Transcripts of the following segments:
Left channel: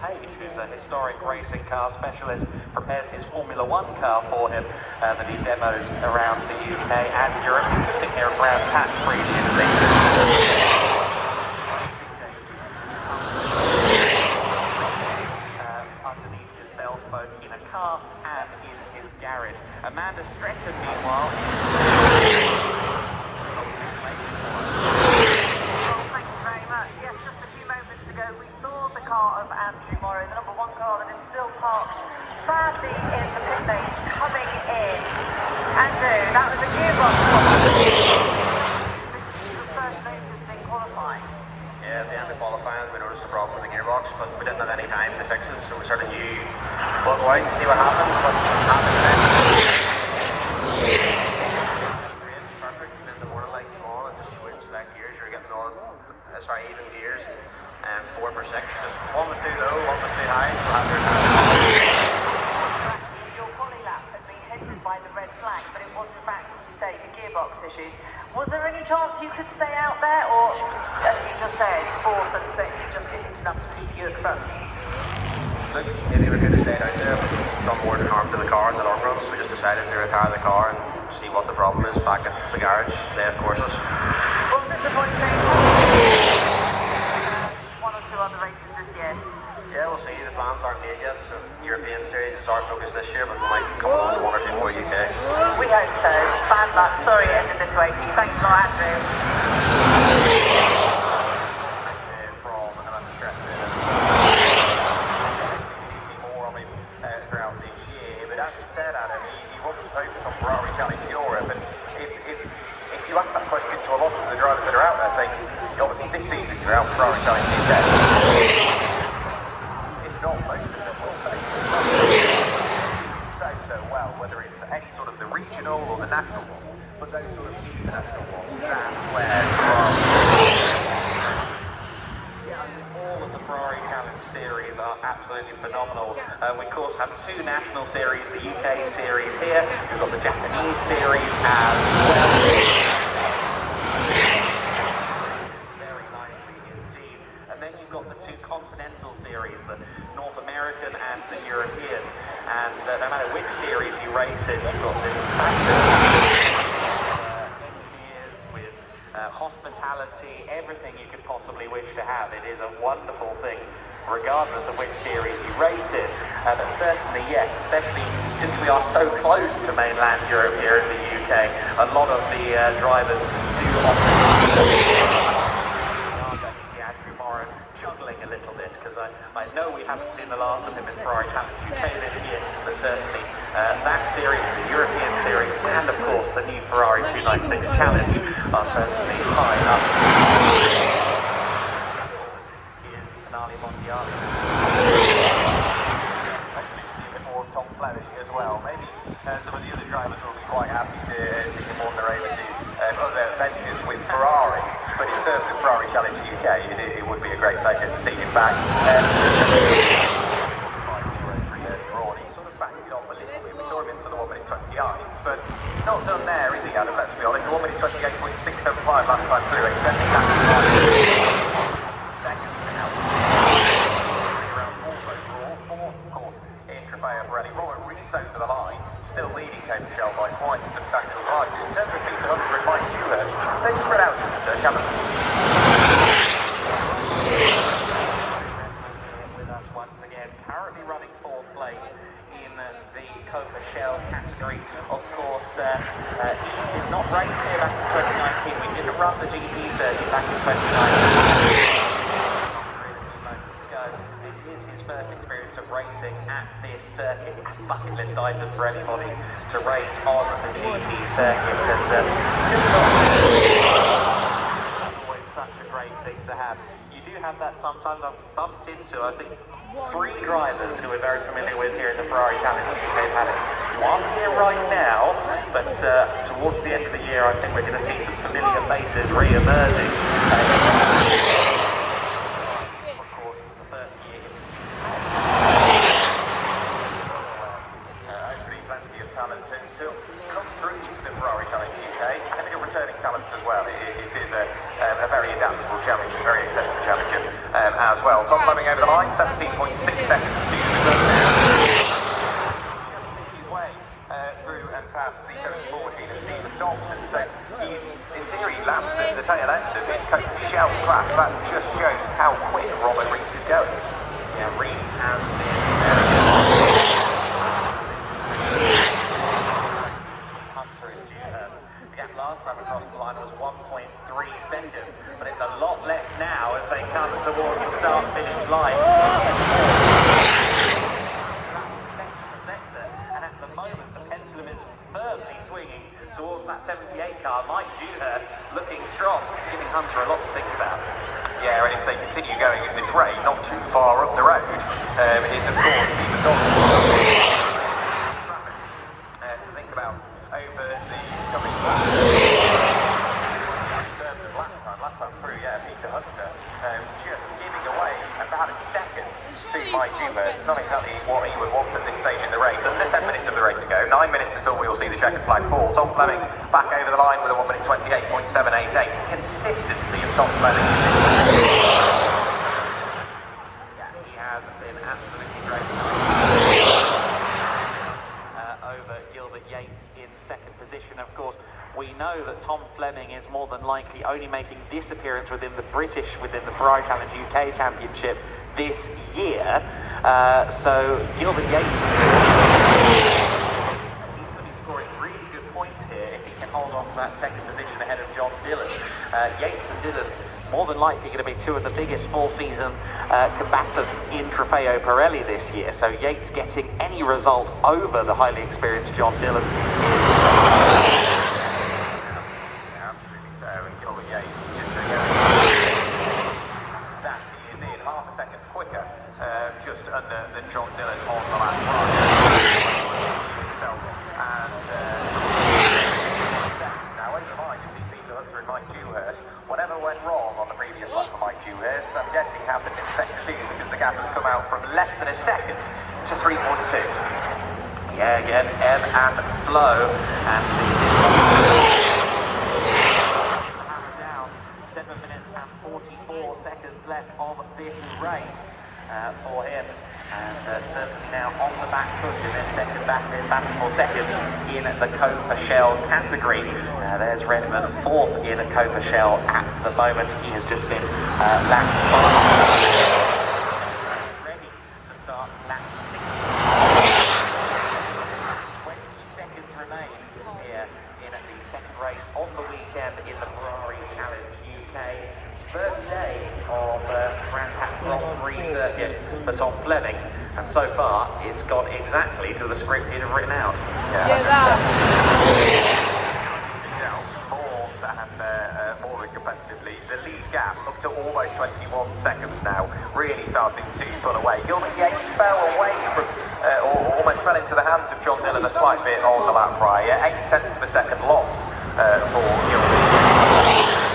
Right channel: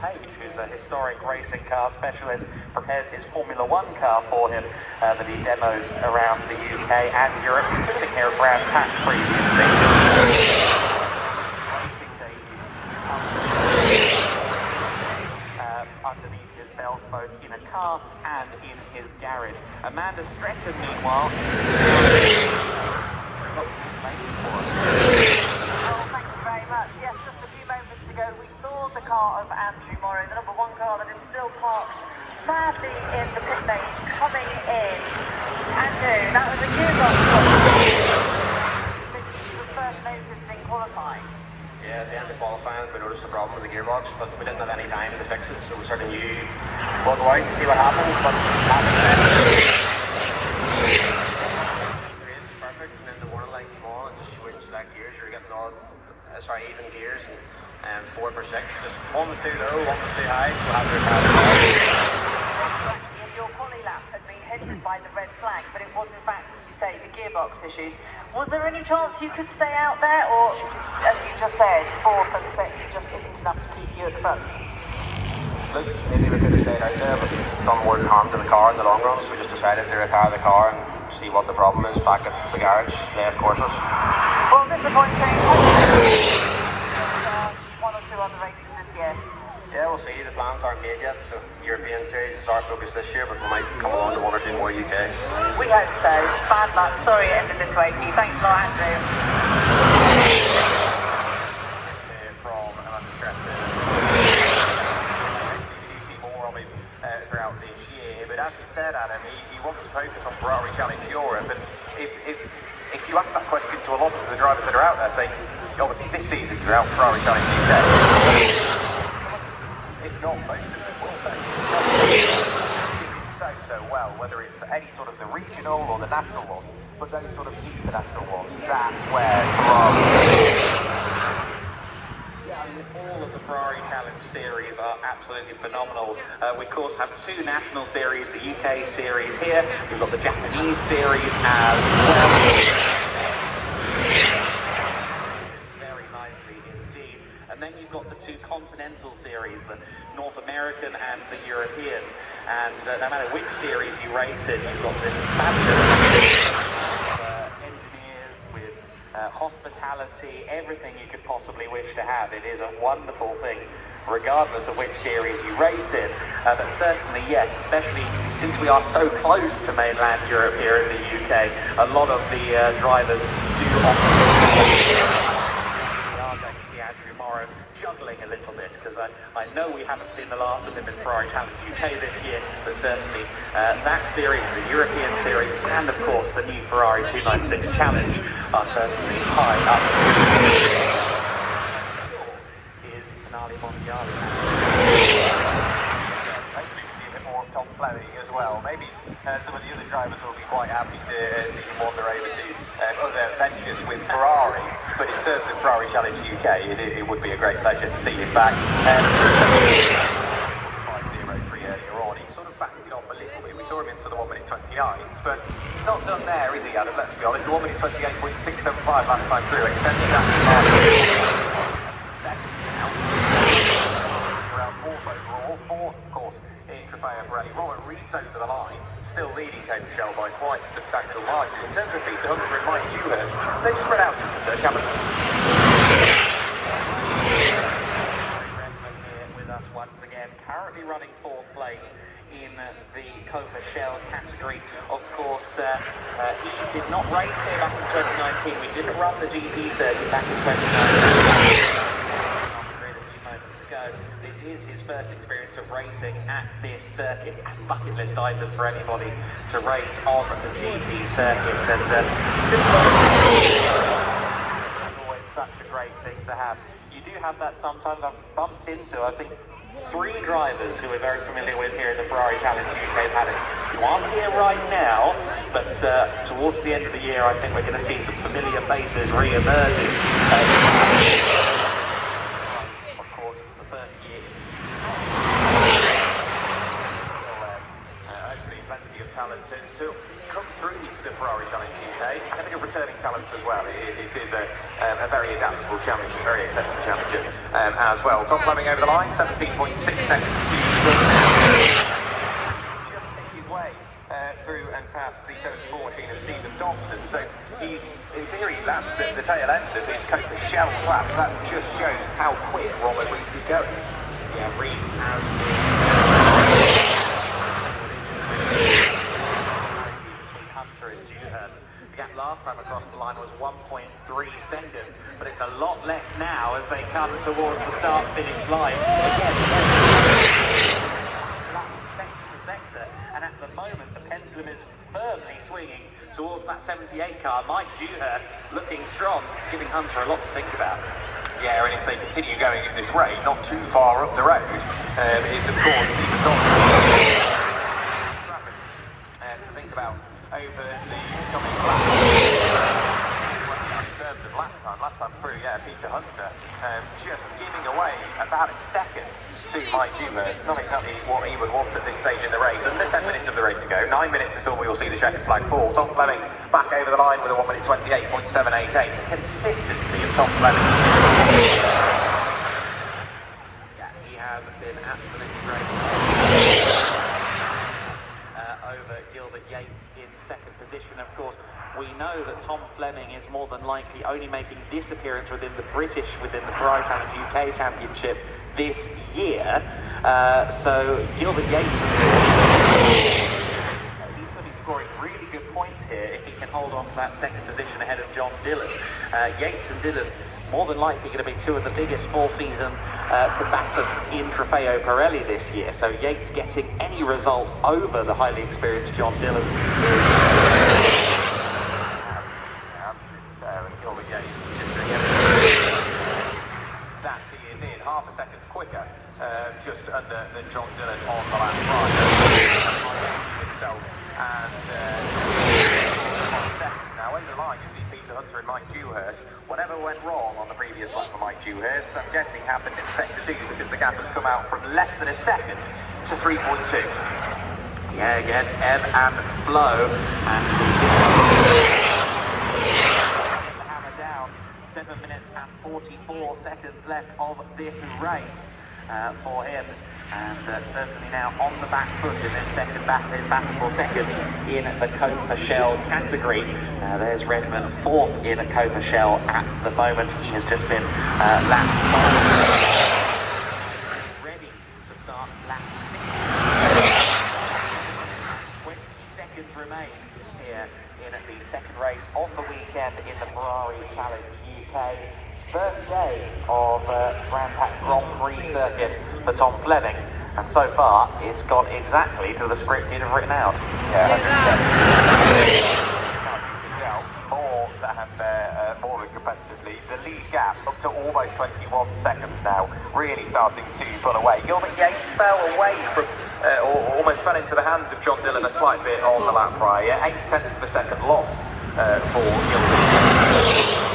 Page, who's a historic racing car specialist, prepares his Formula One car for him that he demos around the UK and Europe, including here at Brands Hatch previously. Underneath his belt, both in a car and in his garage. Amanda Stretton, meanwhile, she's got some information for us. Well, thank you very much. Yes, just a few moments ago, we saw the car of Andrew Morrow, the number 1 car that is still parked, sadly, in the pit lane, coming in. Andrew, that was a gearbox that you were first noticed in qualifying. Yeah, at the end of qualifying, we noticed a problem with the gearbox, but we didn't have any time to fix it, so we sort of knew we'll go out and see what happens, but the race is perfect, and then the warning light came on and just switched to that gears. You're getting all, even gears, and 4 for 6. Just one was too low, one was too high, so I had to Your quali lap had been hindered by the red flag, but it was in fact, as you say, the gearbox issues. Was there any chance you could stay out there, or, as you just said, 4th and 6th just isn't enough to keep you at the front? Look, maybe we could have stayed out there, but done more harm to the car in the long run, so we just decided to retire the car and see what the problem is back at the garage, lay of courses. Well, disappointing. 1 or 2 other races this year. Yeah, we'll see. The plans aren't made yet, so European Series is our focus this year, but we might come along to 1 or 2 more UK. We hope so. Bad luck. Sorry it ended this way for you. Thanks a lot, Andrew. From Amanda Stretton. We see more of him throughout this year, but as he said, Adam, he wants to focus on Ferrari Challenge Europe, and if you ask that question to a lot of the drivers that are out there, say, obviously this season you're out Ferrari Challenge UK. If not, most of them will say so well, whether it's any sort of the regional or the national ones, but those sort of international ones, that's where Ferrari... All of the Ferrari Challenge series are absolutely phenomenal. We of course have 2 national series, the UK series here, we've got the Japanese series as well. Very nicely indeed. And then you've got the 2 continental series, the North American and the European. And no matter which series you race in, you've got this fabulous engineers with hospitality, everything you could possibly wish to have. It is a wonderful thing, regardless of which series you race in. But certainly, yes, especially since we are so close to mainland Europe here in the UK, a lot of the drivers do often... Andrew Morrow juggling a little bit, because I know we haven't seen the last of him in Ferrari Challenge UK this year, but certainly that series, the European series, and of course the new Ferrari 296 Challenge are certainly high up. Is Finale Mondiale. More of Tom Fleming as well. Maybe some of the other drivers will be quite happy to see him wander over to other ventures with Ferrari, but in terms of Ferrari Challenge UK, it would be a great pleasure to see him back. 5:03 earlier on, he sort of backed it off a little bit. We saw him into the 1 minute 29s, but he's not done there, is he, Adam? Let's be honest. The 1 minute 28.675 last time through, extending that to second now. Around 4th overall, 4th, of course, in Trofeo Pirelli. Robert Rees over the line, still leading Cape Michelle by quite a substantial margin. In terms of Peter Hunter and Mike Dewhurst, they've spread out just a touch, haven't they? Here with us once again, currently running 4th place in the Copa Shell category. Of course, he did not race here back in 2019. We didn't run the GP circuit back in 2019. This is his first experience of racing at this circuit, a bucket list item for anybody to race on the GP circuit, and it's always such a great thing to have. You do have that sometimes. I've bumped into, I think, 3 drivers who we're very familiar with here in the Ferrari Challenge UK paddock who aren't here right now, but towards the end of the year I think we're going to see some familiar faces re-emerging. Hopefully plenty of talent to come through the Ferrari Challenge UK, and a bit of returning talent as well. It is a very adaptable championship, very accepted championship as well. Tom Fleming over the line, 17.6 seconds to the good. His way through and past the 74 machine of Stephen Dobson, so he's in theory lapped the tail end of his Copa Shell class. That just shows how quick Robert Rees is going. Yeah, Rees has been very between Hunter and Dewhurst. The gap last time across the line was 1.3 seconds, but it's a lot less now as they come towards the start-finish line. Again, sector to sector, and at the moment the pendulum is firmly swinging towards that 78 car. Mike Dewhurst looking strong, giving Hunter a lot to think about. Yeah, and if they continue going at this rate, not too far up the road, is of course Stephen Dobson. Traffic to think about over the coming laps. In terms of lap time, last time through, yeah, Peter Hunter just giving away about a second to Mike Dewhurst. Not exactly what he would want at this stage in the race. Under 10 minutes of the race to go, 9 minutes until we will see the checkered flag fall. Tom Fleming back over the line with a 1 minute 28.788. Consistency of Tom Fleming. Yeah, he has been absolutely great. Over Gilbert Yates in second position. Of course, we know that Tom Fleming is more than likely only making this appearance within the Ferrari Challenge UK Championship this year. So Gilbert Yates, he's going to be scoring really good points here if he can hold on to that second position ahead of John Dillon. Yates and Dillon more than likely going to be two of the biggest full-season combatants in Trofeo Pirelli this year. So Yates getting any result over the highly experienced John Dillon is... That he is in half a second quicker, just under than John Dillon on the lap right. Himself and now over the line you see Peter Hunter and Mike Dewhurst. Whatever went wrong on the previous lap for Mike Dewhurst, I'm guessing happened in sector 2 because the gap has come out from less than a second to 3.2. Yeah, again, ebb and flow, and down 7 minutes and 44 seconds left of this race for him, and certainly now on the back foot in this second battle for second in the Copa Shell category. There's Redman fourth in Copa Shell at the moment. He has just been lapped by. Ready to start lap 6. 20 seconds remain here in the second race of the weekend in the Ferrari Challenge UK. First day of Brands Hatch Grand Prix circuit for Tom Fleming, and so far it's gone exactly to the script you'd have written out. More than competitively, the lead gap up to almost 21 seconds now, really starting to pull away. Gilbert Yates fell away from, or almost fell into the hands of John Dillon a slight bit on the lap prior. 0.8 of a second lost for Gilbert Yates.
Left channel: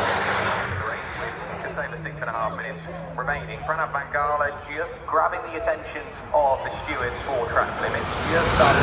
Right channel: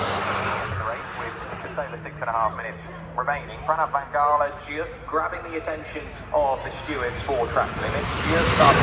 Just over 6.5 minutes remaining. Pranav Van Gala just grabbing the attention of the stewards for track limits. Just started